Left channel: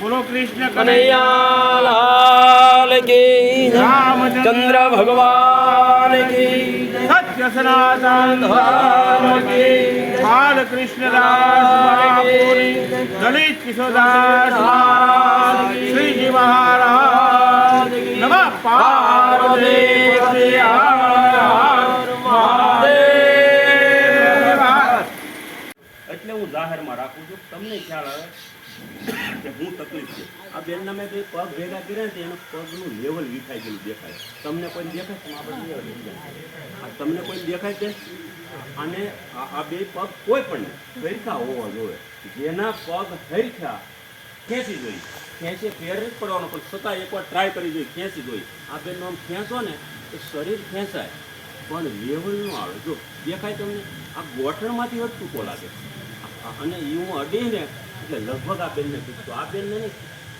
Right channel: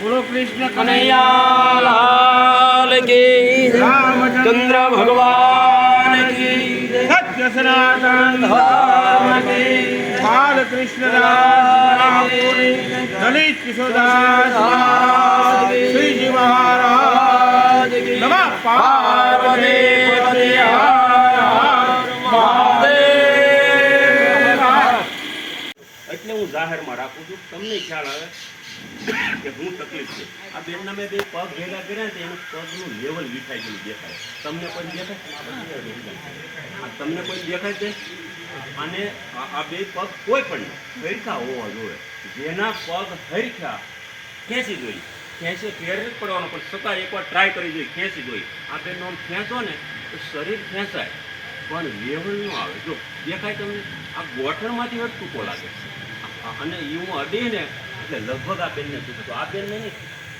બોલો કૃષ્ણ કનૈયા લાલ કી જય. ચંદ્ર ભગવાન કી જય. સત્ય સનાતન ધર્મ કી જય. બાલકૃષ્ણદાસ મહાપુરી દલિત કિશોરદાસ મહારાજ શ્રીજી મહારાજ નમઃ પાર્વતી પતિ હર હર મહાદેવ. એટલે હું જાહેરમાં રાખું છું, તમને ખ્યાલ આવે કે હું તકલીફ છે. આ બેનના મેં બે પગ ભેગા કર્યા ને એનું પગનું લેવલ વિખાઈ ગયેલું દેખાય. તમને કોઈ દેખાય છે? તમને કોઈ દેખાય છે? અને આ બે પગ કોઈ પણ હરખા હોવા જોઈએ. જેના પગ હરખા ખેંચી જોઈએ, ખેંચી ફેર જ પડવાનો, પણ છતાં એકવાર ટ્રાય કરી જોઈએ, ખેંચી જોઈએ. આ બેનનો આમ ખેંચો ને તો શરીર ખેંચાય પણ લેવલ ન આવે. જો દેખાય તમને? આ ગોઠણમાંથી જ ટૂંકો લાગે અને એ હું અડીને એટલે લગભગ આ બેનને દુખતું. આ બેનને નહીં,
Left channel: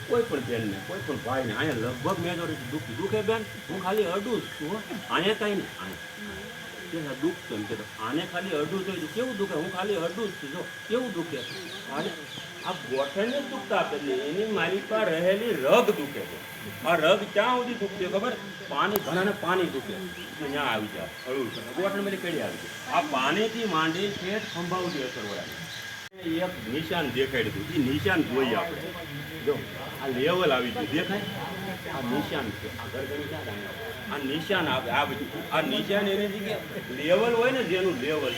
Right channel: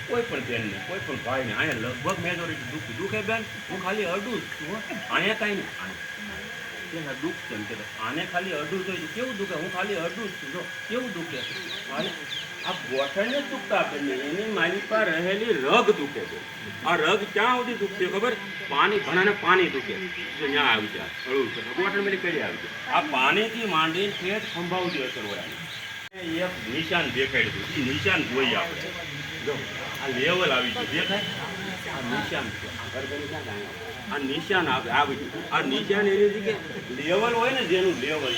કોઈ પણ બેનને, કોઈ પણ ભાઈને અહીંયા લગભગ મેજોરિટી દુખતું. દુખે બેન? હું ખાલી અડું જ છું. અહીંયા કાંઈ નહીં. આને પેલા દુઃખ છે એમ કે આને ખાલી અડું જોઈએ કેવું દુખે? હું ખાલી અડું જ છું. જો કેવું દુખે. અને આ ગોઠણને જ દુખતા બેનને એની મારી પાસે રહેલી રગ દુખે છે. આ રગ ક્યાં સુધી દુખતી ખબર? પાણી, ઘણાને પાણી દુખે છે, ત્યાં આવી જાય હળવું છે. ગોઠણ બધી કઈ આવી જાય. આ પાણીથી માંડીને પેટ ખંભાવતી અસર હોય. એક નિશાન દેખાડ્યું હતું, એ નિશાન જોઈએ આપણે. જો આ લેવલ આવી ગયું, દેખાય? આ નિશાન છે, આ નિશાન આવી ગયું. આ નિશાન એની જગ્યાએ લેવલ હોય ને, જેનું લેવલ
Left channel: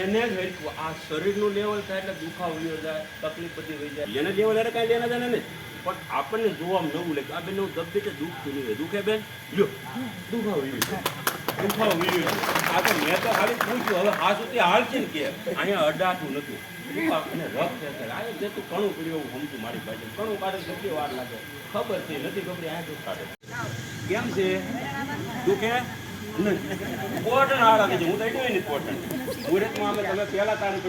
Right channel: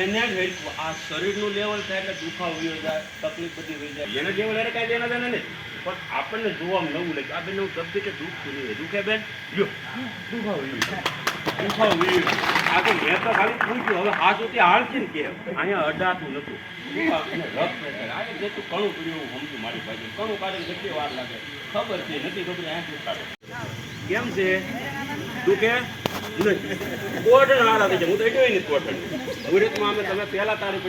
એને જ હેરખું. આ શરીરનું લેવલ થાય એટલે દુખાવો વયો જાય, તકલીફ બધી વહી જાય. એને લેવલ એને કાંઈ લેના દેના નહીં, પણ આપણને જોવામાં નવું લાગે. આ બેન દબતી કે દુખતું નહીં. દુખે બેન? લ્યો દુખાવો દુખાવો વયો. આ તો મેં તો ખાલી પૂછ્યું, હવે આ સુધી હાલ છે ને કે અહીંયા અડાતું નતું. જેટલું ઘણું કર્યું એવું સમજુ મારી પાસે. ઘણું કાઢે કેટલી વાર લાગે ખબર છે, નથી ખબર અહીંયાથી કાઢે. કેમ છે? દુખે નહીં? કોટન હારા થઈ જાય. હું તો એટલું નહીં કોટન મુહૂર્તમાં અમે તમે પહેલા તારીખ